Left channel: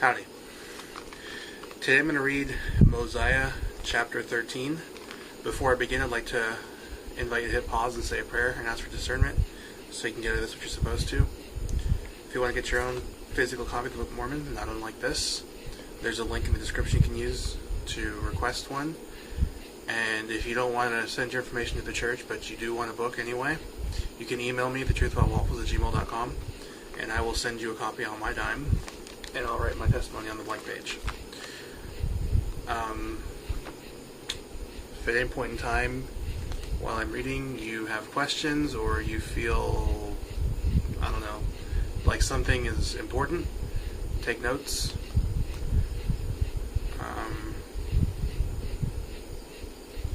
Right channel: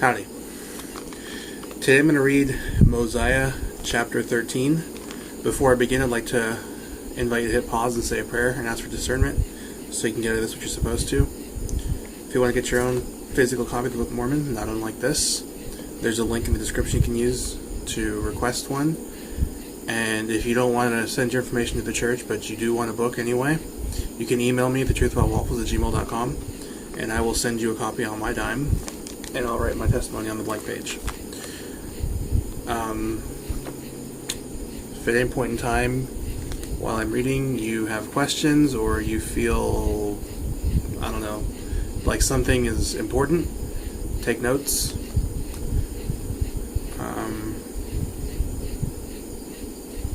Howdy. Today I'm going to read Mosiah chapter 13. Before I begin, I'd like to invite you to hit pause and say a prayer and ask for discernment so you can get out of this what you're supposed to. If you want to get your own physical copy of the Book of Mormon, not unlike this, there's a link in the description you can use to request one. And if you don't want to send your information to the church, but you do want a book anyway, you can email me thetruthaboutwaffles@gmail.com, and I will send you a copy on my dime, and I'll write my testimony on the blank page. If at any point in time while I'm reading you have questions or you feel, like something is important, take notes.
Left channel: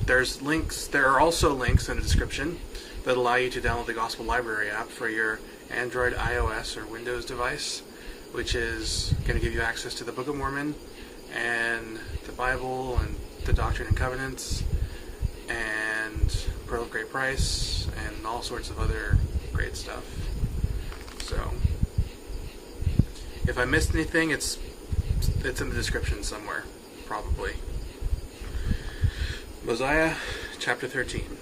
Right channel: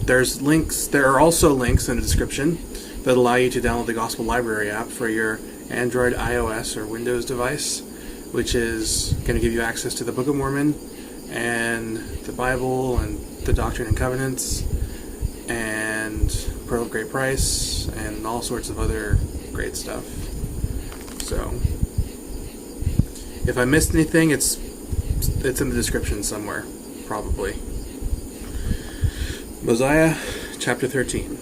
There are also links in the description that allow you to download the Gospel Library app for your Android, iOS, or Windows device, which is going to give you access to the Book of Mormon and the Bible and the Doctrine and Covenants and Pearl of Great Price and all sorts of other great stuff. So, if I missed anything, it's in the description somewhere, probably. Mosiah chapter 13.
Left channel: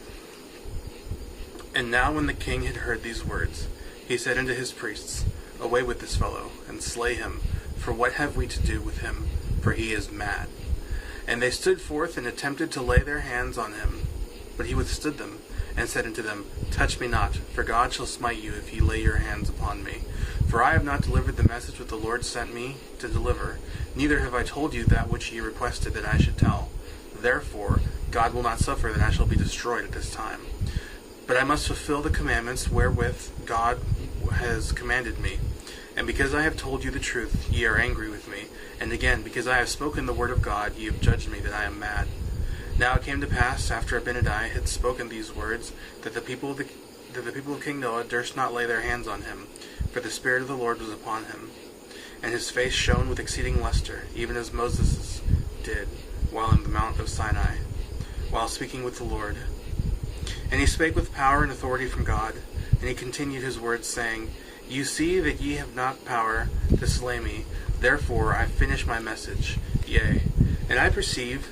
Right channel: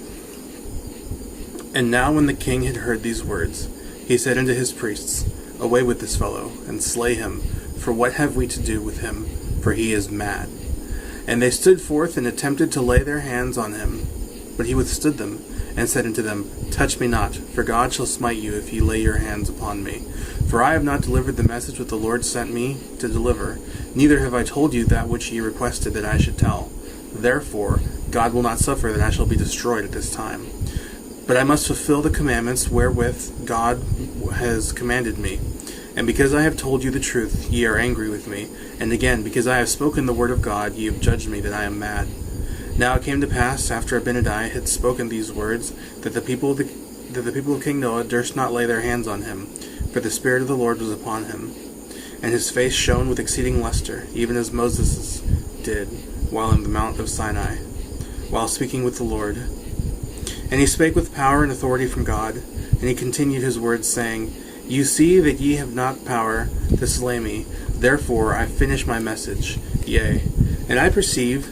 And now when the king had heard these words, he said unto his priests, Away with this fellow, and slay him, for what have we to do with him? For he is mad. And they stood forth and attempted to lay their hands on him. But he withstood them, and said unto them, Touch me not, for God shall smite you if ye lay your hands upon me. For I have not delivered the message which the Lord sent me to deliver, neither have I told you that which ye requested that I should tell. Therefore God will not suffer that I shall be destroyed at this time. But I must fulfill the commandments wherewith God has commanded me. And because I have told you the truth, ye are angry with me. And again, because I have spoken the word of God, ye have judged me that I am mad. Now it came to pass, after Abinadi had spoken these words, that the people of King Noah durst not lay their hands on him, for the Spirit of the Lord was upon him. And his face shone with exceeding luster, even as Moses did, while in the mount of Sinai, while speaking with the Lord. And he spake with power and authority from God, and he continued his words, saying, You see that ye have not power to slay me, therefore I finish my message. Yea, and I perceive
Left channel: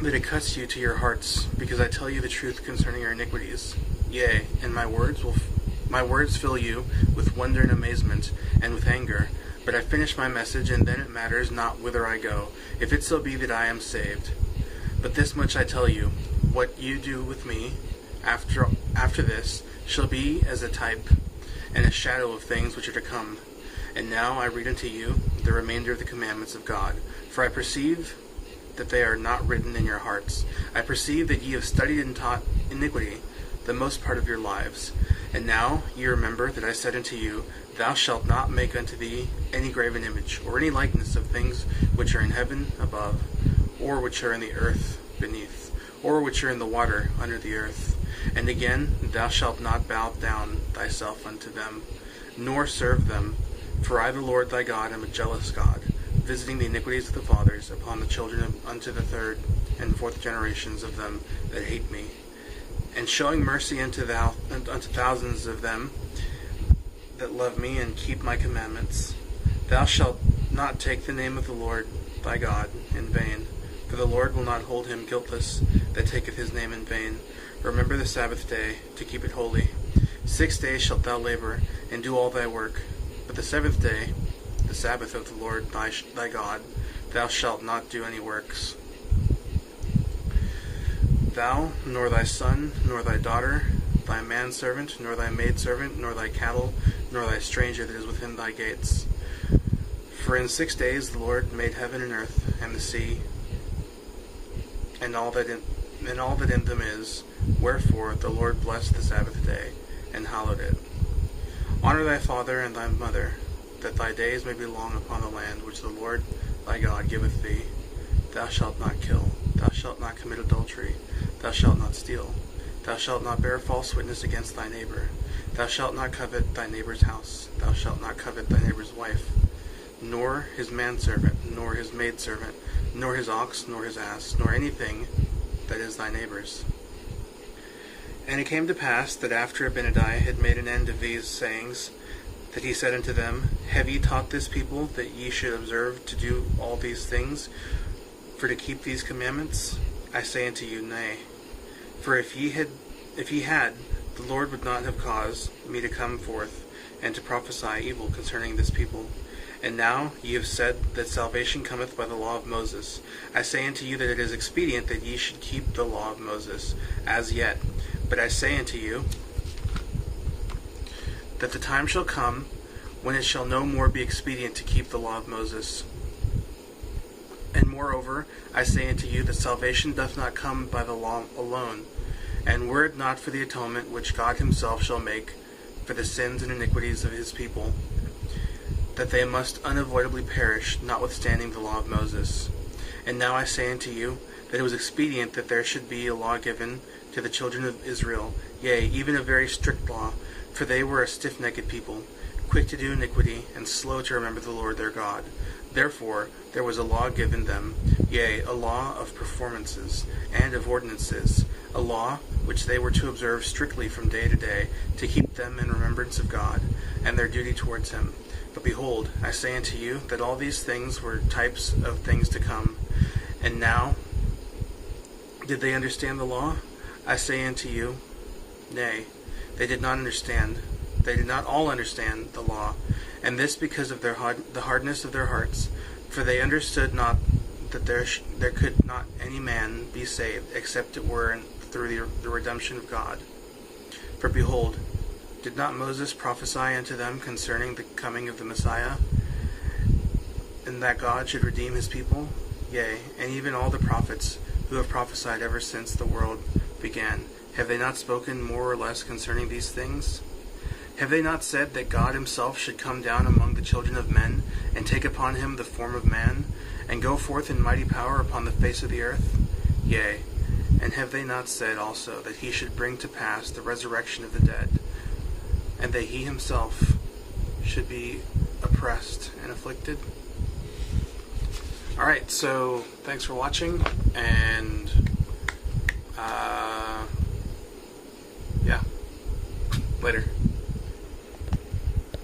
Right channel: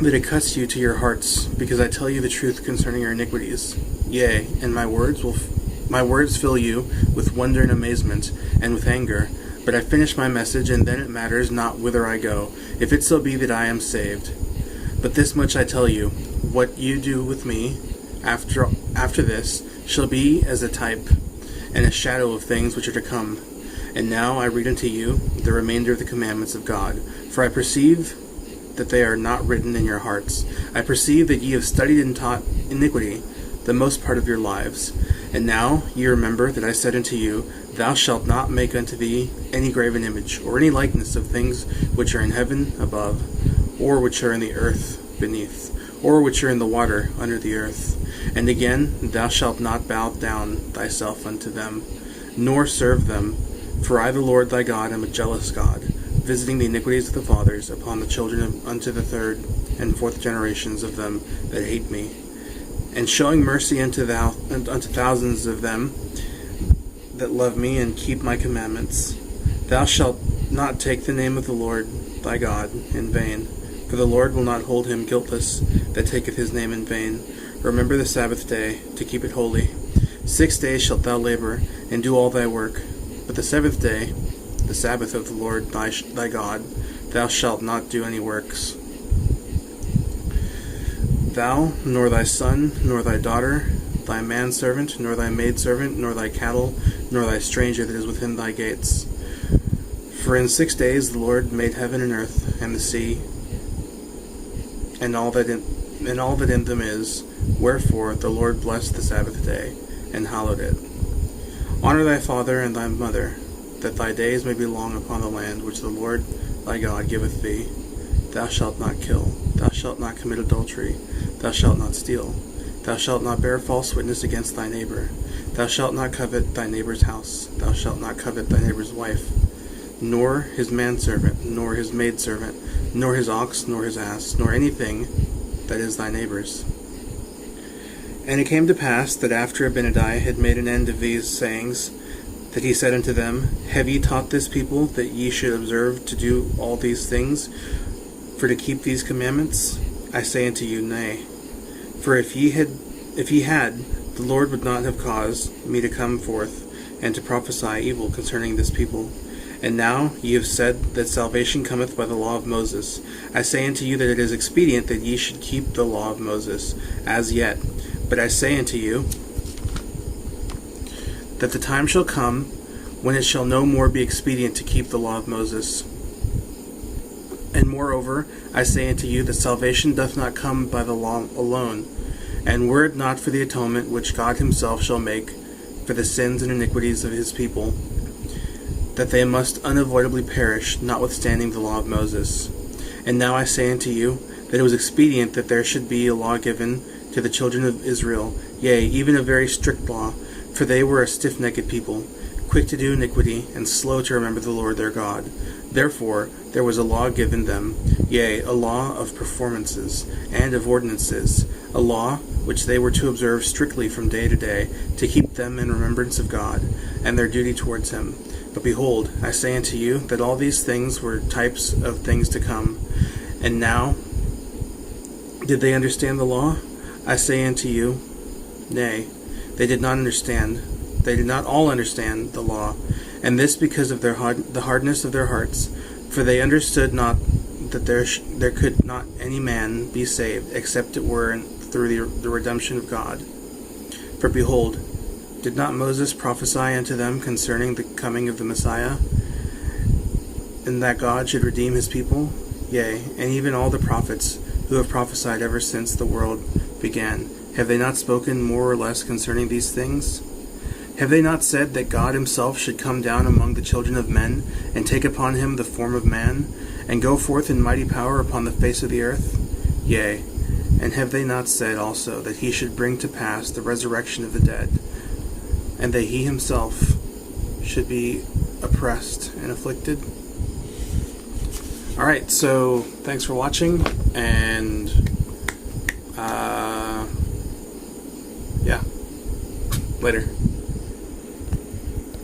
that it cuts you to your hearts, because I tell you the truth concerning your iniquities. Yea, and my words fill you with wonder and amazement, and with anger. But I finish my message, and then it matters not whither I go, if it so be that I am saved. But this much I tell you, what you do with me after this shall be as a type and a shadow of things which are to come. And now I read unto you the remainder of the commandments of God. For I perceive that they are not written in your hearts. I perceive that ye have studied and taught iniquity the most part of your lives. And now ye remember that I said unto you, Thou shalt not make unto thee any graven image, or any likeness of things which are in heaven above, or which are in the earth beneath, or which are in the water under the earth. And again, thou shalt not bow down thyself unto them, nor serve them. For I, the Lord thy God, am a jealous God, visiting the iniquities of the fathers upon the children unto the third and fourth generations of them that hate me, and showing mercy unto thousands of them that love me and keep my commandments. Thou shalt not take the name of the Lord thy God in vain, for the Lord will not hold him guiltless that taketh his name in vain. Remember the Sabbath day, to keep it holy. 6 days shalt thou labor, and do all thy work. But the seventh day, the Sabbath of the Lord thy God, thou shalt not do any works. Thou, nor thy son, nor thy daughter, thy manservant, nor thy maidservant, nor thy cattle, nor thy stranger that is within thy gates. For in 6 days the Lord made heaven and earth, and the sea, and all that in them is. Wherefore the Lord blessed the Sabbath day, and hallowed it. Honor thy father and thy mother, that thy days may be long upon the land which the Lord thy God giveth thee. Thou shalt not kill. Thou shalt not commit adultery. Thou shalt not steal. Thou shalt not bear false witness against thy neighbor. Thou shalt not covet thy neighbor's house. Thou shalt not covet thy neighbor's wife, nor his manservant, nor his maidservant, nor his ox, nor his ass, nor anything that is thy neighbor's. And it came to pass that after Abinadi had made an end of these sayings, that he said unto them, Have ye taught this people that ye should observe to do all these things, for to keep these commandments? I say unto you, Nay. For if ye had, the Lord would not have caused me to come forth and to prophesy evil concerning this people. And now ye have said that salvation cometh by the law of Moses. I say unto you that it is expedient that ye should keep the law of Moses as yet. But I say unto you that the time shall come when it shall no more be expedient to keep the law of Moses. And moreover, I say unto you that salvation doth not come by the law alone. And were it not for the atonement which God himself shall make for the sins and iniquities of his people, that they must unavoidably perish, notwithstanding the law of Moses. And now I say unto you that it was expedient that there should be a law given to the children of Israel, yea, even a very strict law, for they were a stiff-necked people, quick to do iniquity, and slow to remember the Lord their God. Therefore there was a law given them, yea, a law of performances, and of ordinances, a law which they were to observe strictly from day to day, to keep them in remembrance of God, and their duty towards him. But behold, I say unto you that all these things were types of things to come. And now, did they understand the law? I say unto you, Nay, they did not understand. They did not all understand the law, and this because of the hardness of their hearts. For they understood not that there could not any man be saved, except it were through the redemption of God. For behold, did not Moses prophesy unto them concerning the coming of the Messiah, and that God should redeem his people? Yea, and even all the prophets who have prophesied ever since the world began, have they not spoken more or less concerning these things? Have they not said that God himself should come down among the children of men, and take upon him the form of man, and go forth in mighty power upon the face of the earth? Yea, and have they not said also that he should bring to pass the resurrection of the dead, and that he himself should be oppressed and afflicted? Alright, so thanks for watching, and yeah, later.